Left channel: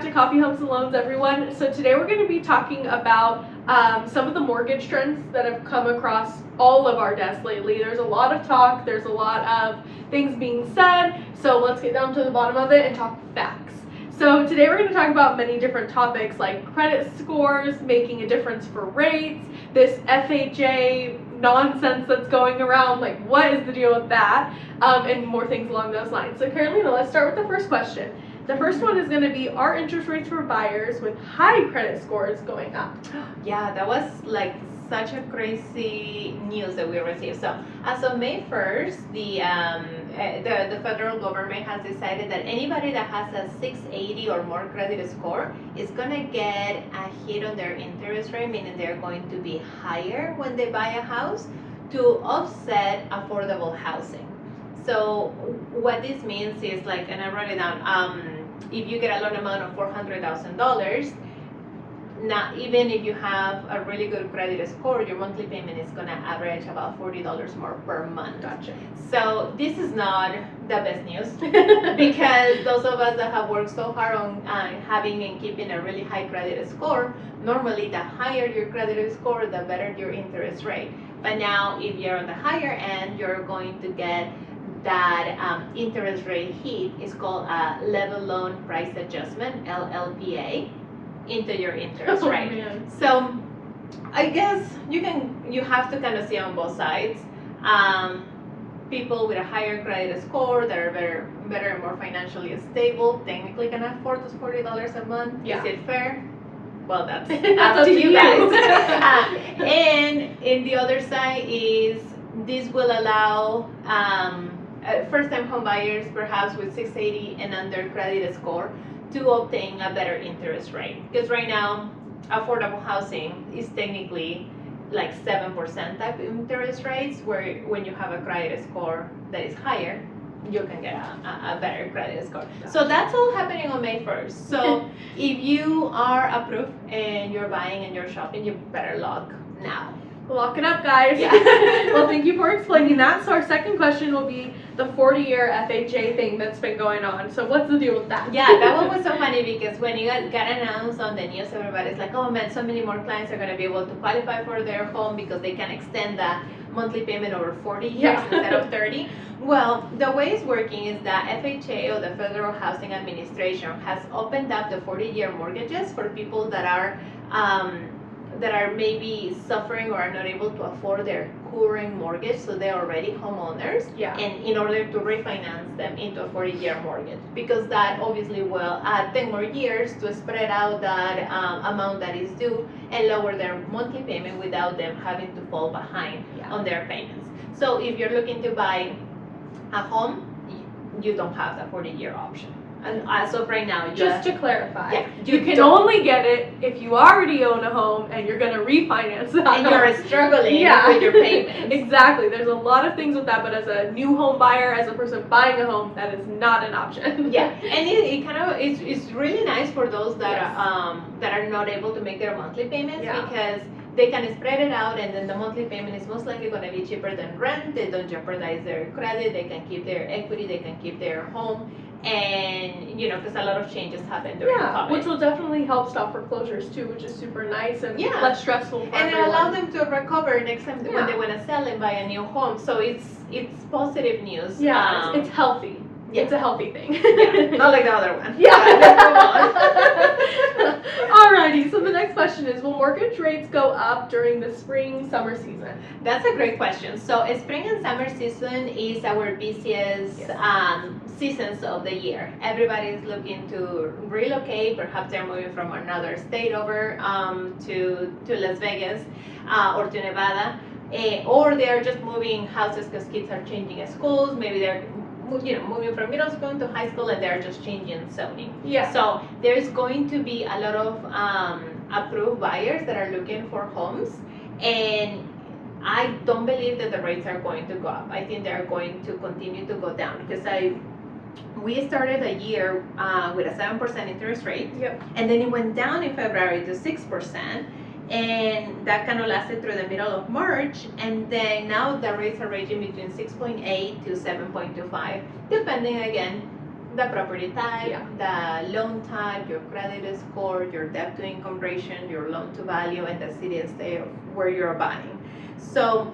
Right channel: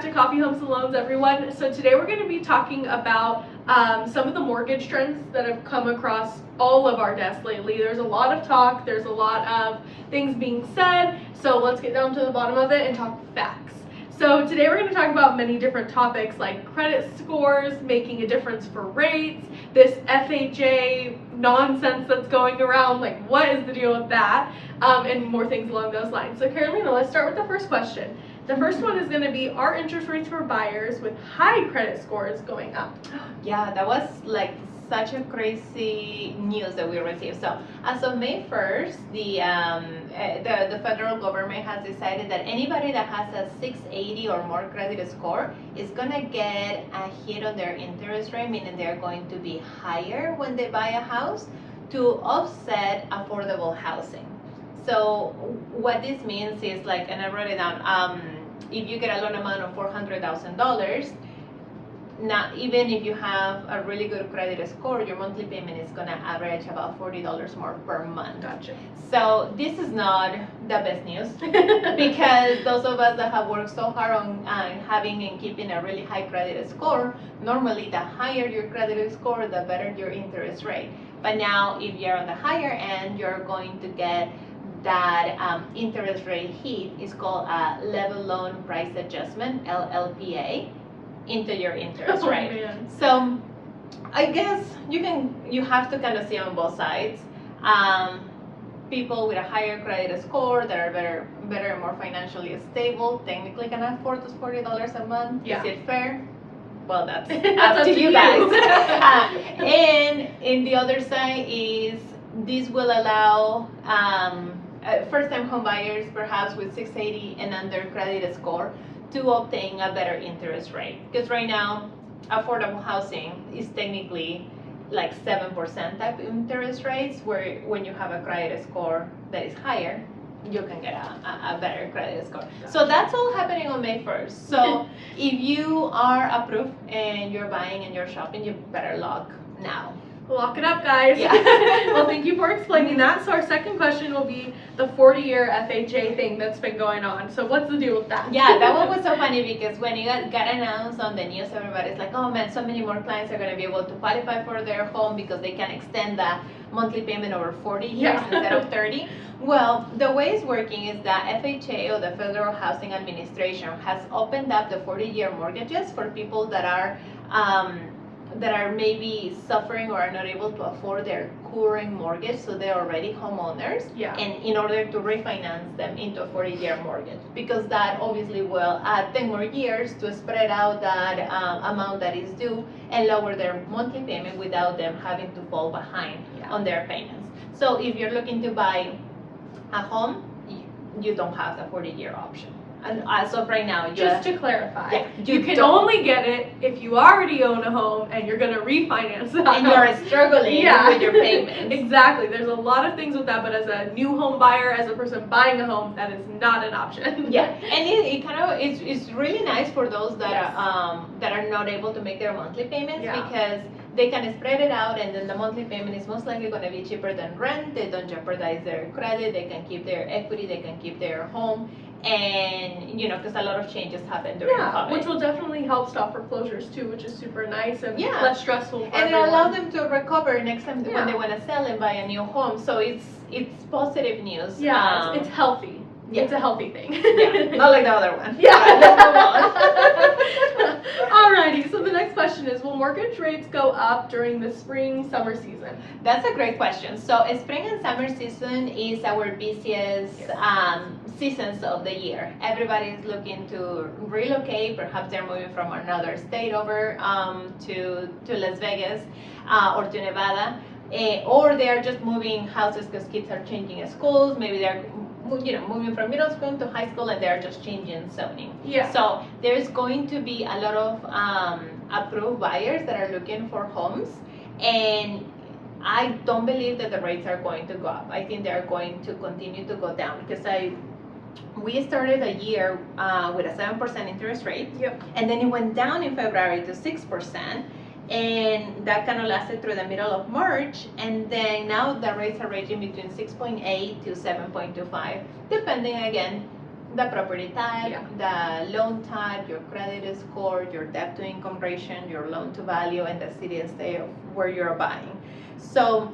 back to Coffee Homes and Loans, everyone. So today we're going to be talking about some of the mortgage trends that have come across all of our desks lately. There's a lot of talk, there's a lot of things being said, so let's get down to the bottom of it and talk facts. So today we're going to talk about many different topics like credit scores, making a difference for rates, this FHA nonsense that's going around, like what is the deal with that, and more things along those lines. So Carolina, let's start with the first question. The first one is going to be, are interest rates for buyers with high credit scores going up? Yeah, that was like such a crazy news that we received. So as of May 1st, the federal government has decided that anybody that has a 680 or more credit score is going to get a hit on their interest rate, meaning they're going to be higher when they buy a house to offset affordable housing. So what this means is like, and I wrote it down, if you get a loan amount of $400,000, now even if you have a really good credit score, your monthly payment is going to average about $40 more per month. Gotcha. So this is not the best news because those of us that have worked so hard on having and keeping a really high credit score, normally the higher your credit score, the better your interest rate. But now if you're on the higher end, you're going to get that interest rate hit. Is called a level loan price adjustment, LLPA, into your interest rate. Man. So I guess you have to kind of see on both sides. People with a higher credit score that are better and more financially stable technically can afford those $40 a month. Yeah. Is it fair? Well, that's That's up to you guys. you. And in the other side is this will allow first-time home buyers, perhaps with 680 and under credit score, to obtain a better interest rate. Because right now, affordable housing is technically like 7% type interest rates, where when you have a credit score that is higher, you can get a better credit score. So that's all happening on May 1st. So if you are approved and you're buying and you're shopping, you better lock now. Lock it up, guys. Yeah. Well, thank you for explaining that. So our second question will be the 40-year FHA thing that's been going on. So what's the deal with that? Yeah, that one was so funny because when it got announced on the news, everybody's like, oh man, so many more clients are going to be able to qualify for their home because they can extend the monthly payment over 40 years instead of 30. Well, the way it's working is that FHA, or the Federal Housing Administration, has opened up the 40-year mortgages for people that are maybe suffering or are not able to afford their current mortgage, so they're already homeowners, Yeah. and in order to refinance them into a 40-year mortgage, because that obviously will add 10 more years to spread out that amount that is due and lower their monthly payment without them having to fall behind on their payments. So if you're looking to buy a home, you don't have the 40-year option. And as of right now, Just to clarify, yeah, you can don't. only get it if you already own a home and you're going to refinance that And home. you're struggling with your payments. Exactly. There's a lot of things with that, but as a new home buyer, as a person buying a home, that is not an option. Yeah, and it kind of it's really nice for those that Yes. that are not able to make their monthly payments, Yeah. because they can spread it out, and then the monthly payment is most likely going to be cheaper than rent. They don't jeopardize their credit. They can keep their equity. They can keep their home, and because a lot of changes happen during COVID. Which will definitely help stop foreclosures too, which is super nice and Yeah. less stressful for and it everyone. allows them to recover next time Yeah. when they want to sell and buy a new home. So it's positive news. Yeah, it's healthy. Yeah. It's a healthy thing. Yeah, not like the other one. Yeah. Let's move on. Alrighty, so the next question is, will mortgage rates go up during the spring, summer season? That's a great question. So spring and summer season is our busiest seasons of the year. Everybody's looking to relocate. Perhaps they're moving from another state over to Las Vegas or to Nevada. Or they're just moving houses because kids are changing schools. Maybe they're moving from middle school to high school, and they're just changing zoning. Yeah. So there's going to be a lot of approved buyers that are looking for homes, and I don't believe that the rates are going to go up. I think they're going to continue to go down because we started a year with a 7% interest rate, Yep. and then it went down in February to 6%. And that kind of lasted through the middle of March, and then now the rates are ranging between 6.8 to 7.25, depending again The property type, Yeah. the loan type, your credit score, your debt to income ratio, your loan to value, and the city and state of where you're buying. So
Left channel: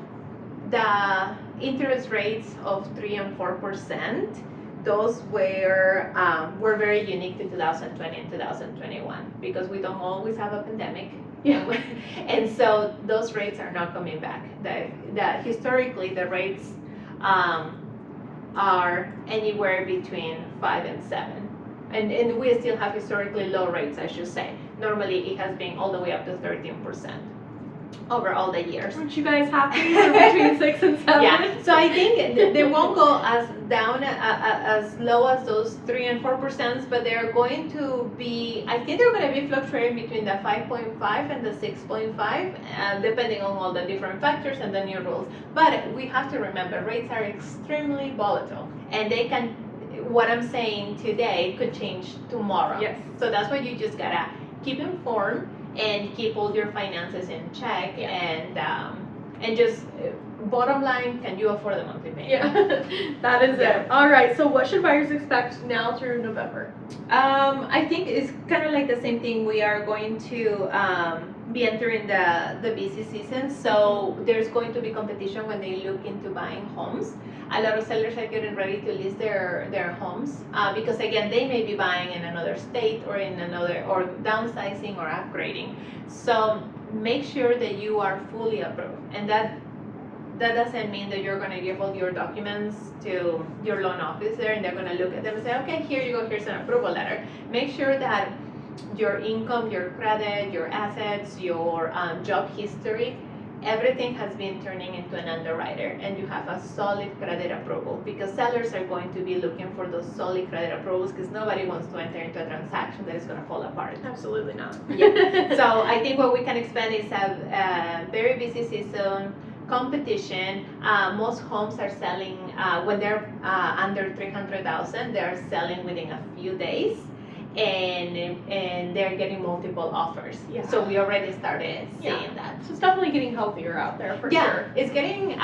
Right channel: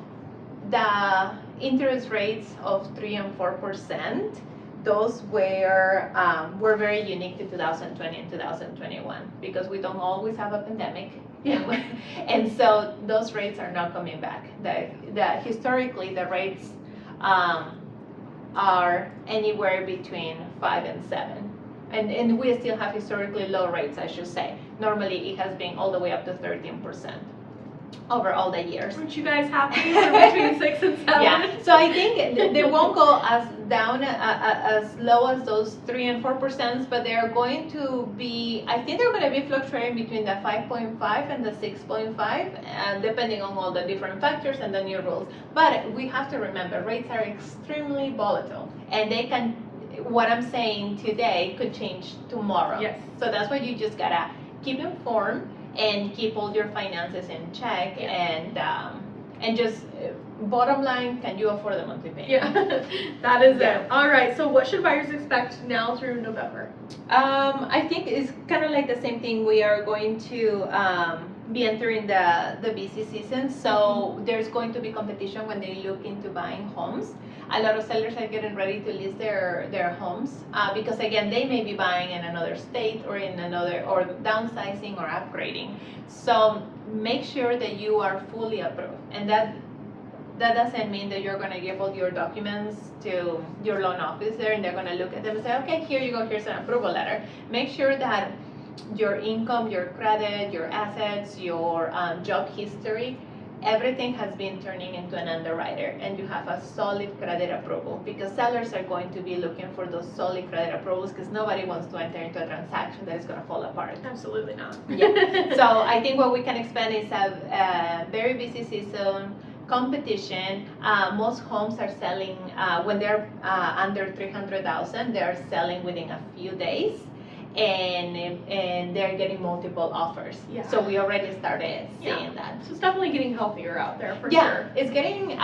the interest rates of 3 and 4%, those were very unique to 2020 and 2021 because we don't always have a pandemic. Yeah. And so those rates are not coming back. Historically the rates are anywhere between 5 and 7. And we still have historically low rates, I should say. Normally it has been all the way up to 13% over all the years. Aren't you guys happy? We're between 6 and 7. Yeah, so I think they won't go as down as low as those 3 and 4%, but they're going to be. I think they're going to be fluctuating between the 5.5 and the 6.5, depending on all the different factors and the new rules. But we have to remember rates are extremely volatile, and they can. What I'm saying today could change tomorrow. Yes. So that's why you just gotta keep informed and keep all your finances in check. Yeah. And just bottom line, can you afford the monthly payment? Yeah, that is Yeah. it. All right, so what should buyers expect now through November? I think it's kind of like the same thing. We are going to be entering the busy season, so there's going to be competition when they look into buying homes. A lot of sellers are getting ready to list their homes because again, they may be buying in another state or or downsizing or upgrading. So make sure that you are fully approved, and that doesn't mean that you're going to give all your documents to your loan officer and they're going to look at them and say, okay, here you go, here's an approval letter. Make sure that your income, your credit, your assets, your job history, everything has been turning into an underwriter and you have a solid credit approval, because sellers are going to be looking for those solid credit approvals because nobody wants to enter into a transaction that is going to fall apart. Absolutely not. Yeah. So I think what we can expect is a very busy season, competition. Most homes are selling when they're under 300,000. They're selling within a few days, and they're getting multiple offers. Yeah. So we already started Yeah. seeing that. So it's definitely getting healthier out there for Yeah, sure. it's getting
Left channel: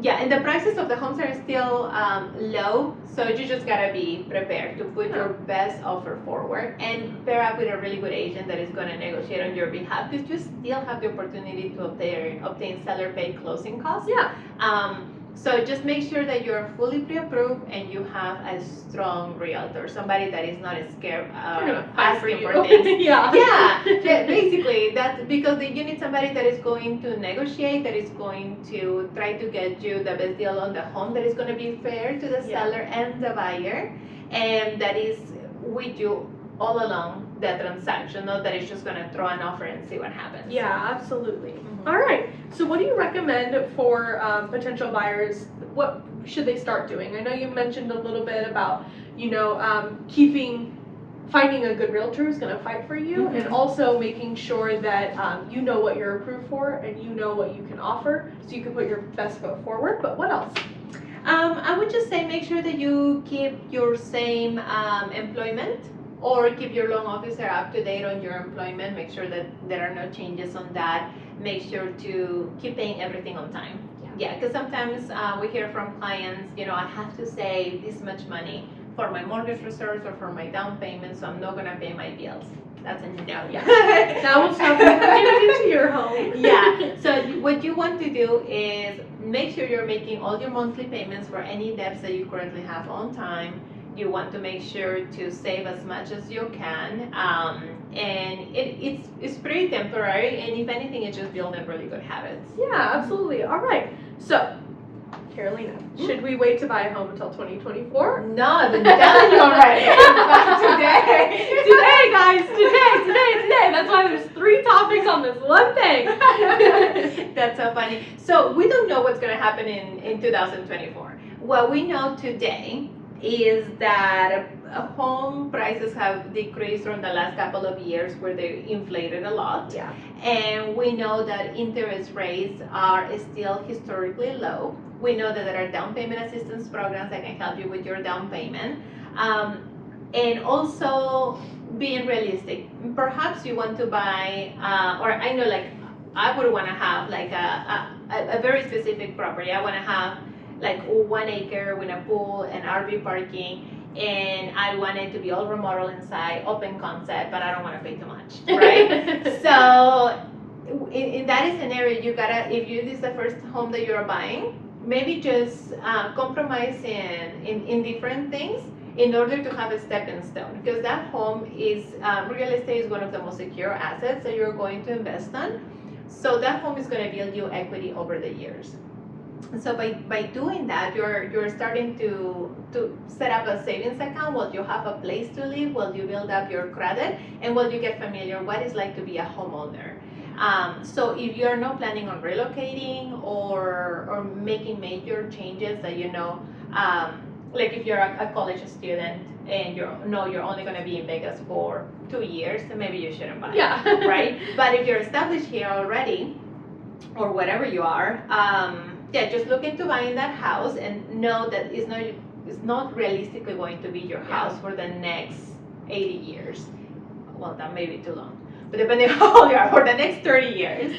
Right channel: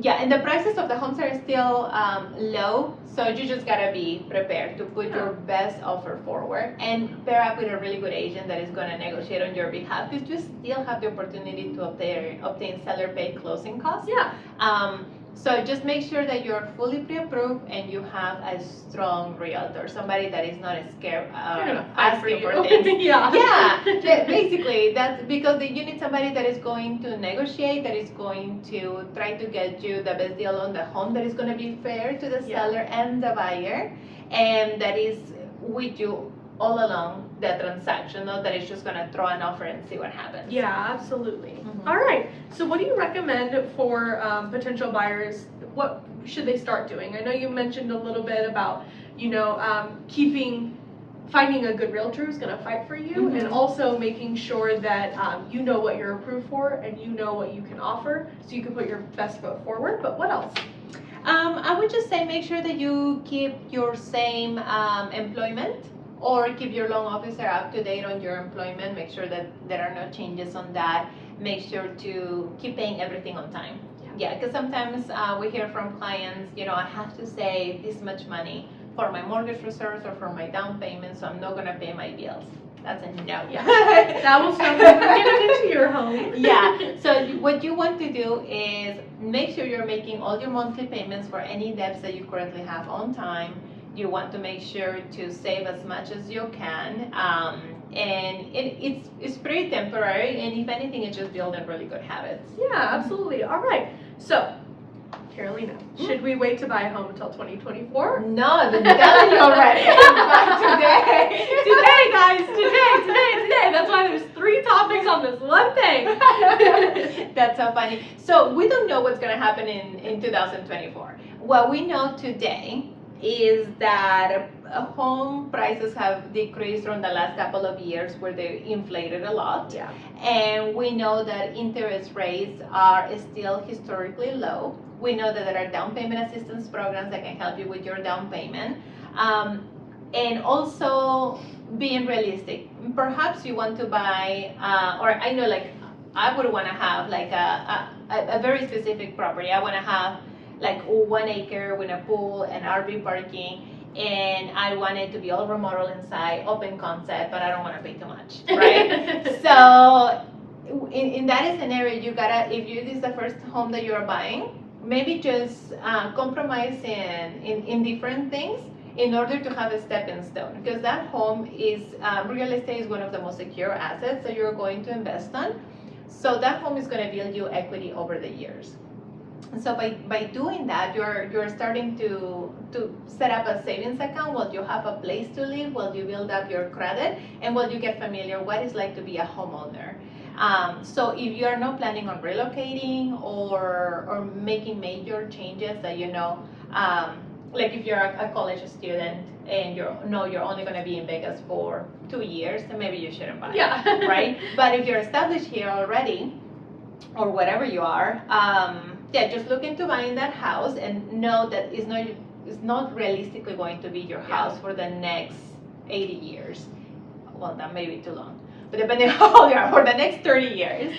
yeah, and the prices of the homes are still low, so you just gotta be prepared to put your best offer forward and pair up with a really good agent that is gonna negotiate on your behalf, because you still have the opportunity to obtain seller pay closing costs. Yeah. So just make sure that you're fully pre-approved and you have a strong realtor, somebody that is not scared They're gonna fight for asking you. for things. Yeah. Yeah, basically that's because you need somebody that is going to negotiate, that is going to try to get you the best deal on the home, that is going to be fair to the Yeah. seller and the buyer, and that is with you all along the transaction, not that it's just going to throw an offer and see what happens. Yeah, absolutely. Mhm. All right. So, what do you recommend for potential buyers? What should they start doing? I know you mentioned a little bit about, finding a good realtor who's going to fight for you, Mhm. and also making sure that you know what you're approved for and you know what you can offer, so you can put your best foot forward. But what else? I would just say make sure that you keep your same employment, or keep your loan officer up to date on your employment. Make sure that there are no changes on that. Make sure to keep paying everything on time. Yeah, because sometimes we hear from clients, I have to save this much money for my mortgage reserves or for my down payment, so I'm not going to pay my bills. That's a no. Yeah. That will stop you from getting into your home. Yeah, so what you want to do is make sure you're making all your monthly payments for any debts that you currently have on time. You want to make sure to save as much as you can, and it's pretty temporary, and if anything, it's just building really good habits. Yeah, absolutely. All right. So, Carolina, should we wait to buy a home until 2024? No, I've been telling you already. Today. Today, guys. Today. That's why there's 3 topics on this one thing. That's so funny. So we don't know what's going to happen in 2024. What we know today is that home prices have decreased from the last couple of years, where they inflated a lot. Yeah. And we know that interest rates are still historically low. We know that there are down payment assistance programs that can help you with your down payment. And also being realistic. Perhaps you want to buy, or I know, like, I would want to have like a very specific property. I want to have like 1 acre with a pool and RV parking, and I want it to be all remodeled inside, open concept, but I don't want to pay too much, right? So in that scenario, you gotta, if this is the first home that you're buying, maybe just compromise in different things in order to have a stepping stone, because that home is real estate is one of the most secure assets that you're going to invest on. So that home is going to build you equity over the years. So by doing that, you're starting to set up a savings account while you have a place to live, while you build up your credit, and while you get familiar what it's like to be a homeowner. So if you're not planning on relocating or making major changes that like if you're a college student and you're only going to be in Vegas for 2 years, then maybe you shouldn't buy Yeah. it, right? But if you're established here already, or whatever you are, just look into buying that house and know that it's not realistically going to be your house for the next 80 years. Well, that may be too long, but depending on how old you are, for the next 30 years,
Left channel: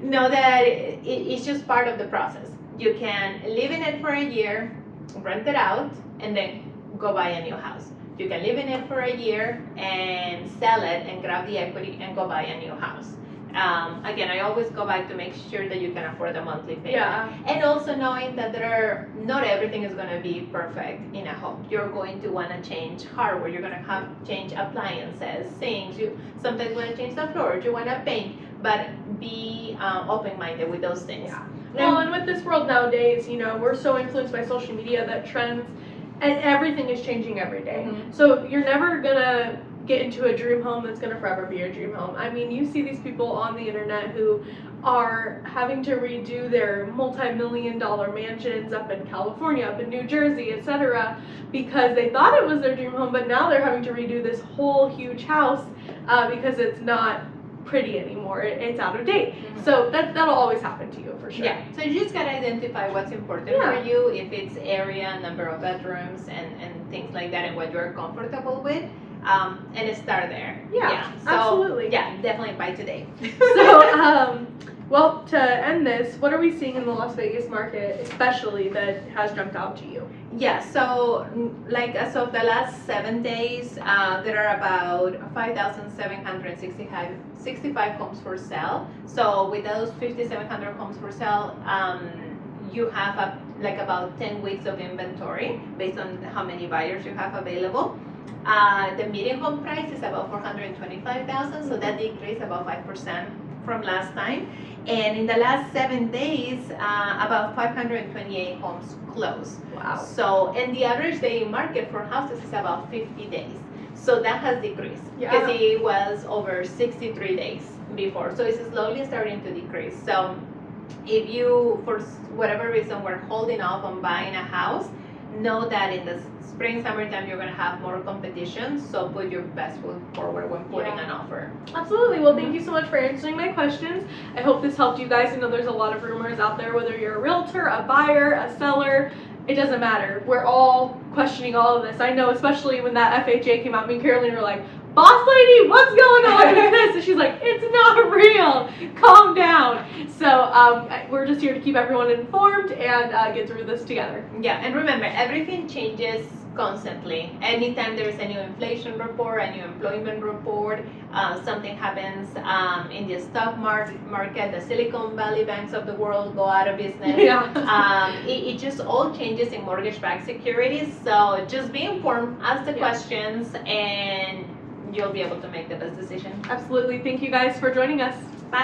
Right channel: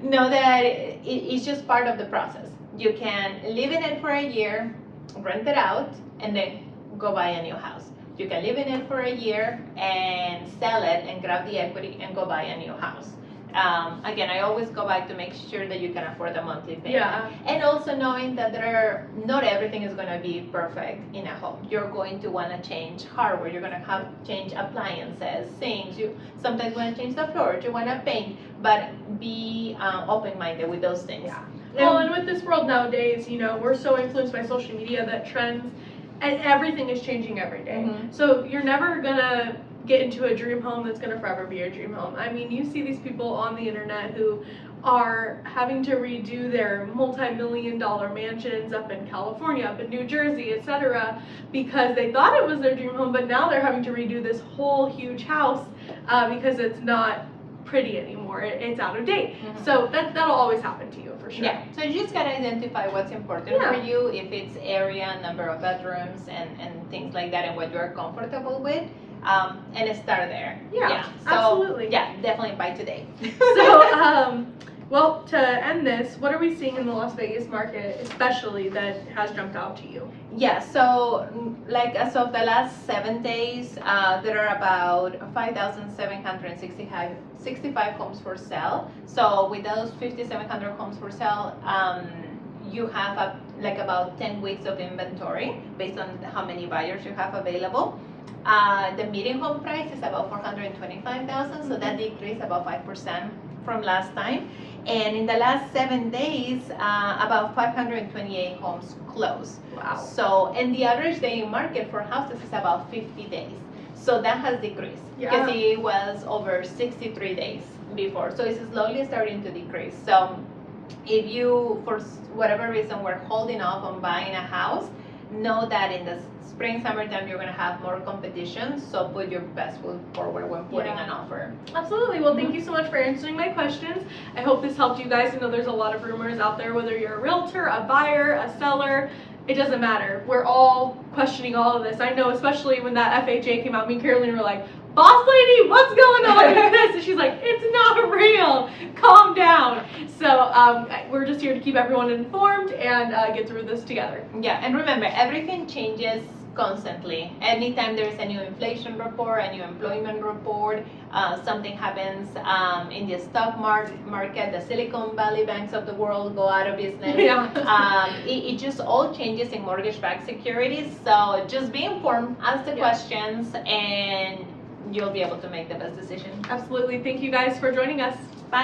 know that it's just part of the process. You can live in it for a year, rent it out, and then go buy a new house. You can live in it for a year and sell it and grab the equity and go buy a new house. Again, I always go back to make sure that you can afford the monthly payment. Yeah. And also knowing that not everything is going to be perfect in a home. You're going to want to change hardware. You're going to have change appliances, things. You sometimes want to change the floor. You want to paint, but be open-minded with those things. Yeah. Well, and with this world nowadays, we're so influenced by social media that trends and everything is changing every day. Mhm. So you're never gonna get into a dream home that's gonna forever be your dream home. I mean, you see these people on the internet who are having to redo their multi-million-dollar mansions up in California, up in New Jersey, etc., because they thought it was their dream home, but now they're having to redo this whole huge house because it's not pretty anymore. It's out of date. Mhm. So that'll always happen to you for sure. Yeah, so you just gotta identify what's important Yeah. for you, if it's area, number of bedrooms, and things like that, and what you're comfortable with, and start there. Yeah, So, absolutely. Yeah, definitely buy today. So, well, to end this, what are we seeing in the Las Vegas market, especially, that has jumped out to you? Yeah, so like as of the last 7 days, there are about 5,765 homes for sale. So with those 5,700 homes for sale, you have about 10 weeks of inventory based on how many buyers you have available. The median home price is about $425,000, so that decreased about 5% from last time. And in the last 7 days, about 528 homes closed. Wow. So, and the average day in market for houses is about 50 days. So that has decreased Yeah. because it was over 63 days before. So it's slowly starting to decrease. So if you, for whatever reason, were holding off on buying a house, know that in the spring, summertime, you're going to have more competition. So put your best foot forward when putting an offer. Absolutely. Well, thank you so much for answering my questions. I hope this helped you guys. I know there's a lot of rumors out there, whether you're a realtor, a buyer, a seller, it doesn't matter. We're all questioning all of this. I know, especially when that FHA came out, me and Caroline were like, boss lady, what's going on with this? And she's like, it's not real. Calm down. So we're just here to keep everyone informed and get through this together. Yeah, and remember, everything changes constantly. Anytime there's a new inflation report, a new employment report, something happens in the stock market, the Silicon Valley banks of the world go out of business. Yeah. It just all changes in mortgage-backed securities. So just be informed, ask the questions, and you'll be able to make the best decision. Absolutely. Thank you guys for joining us. Bye.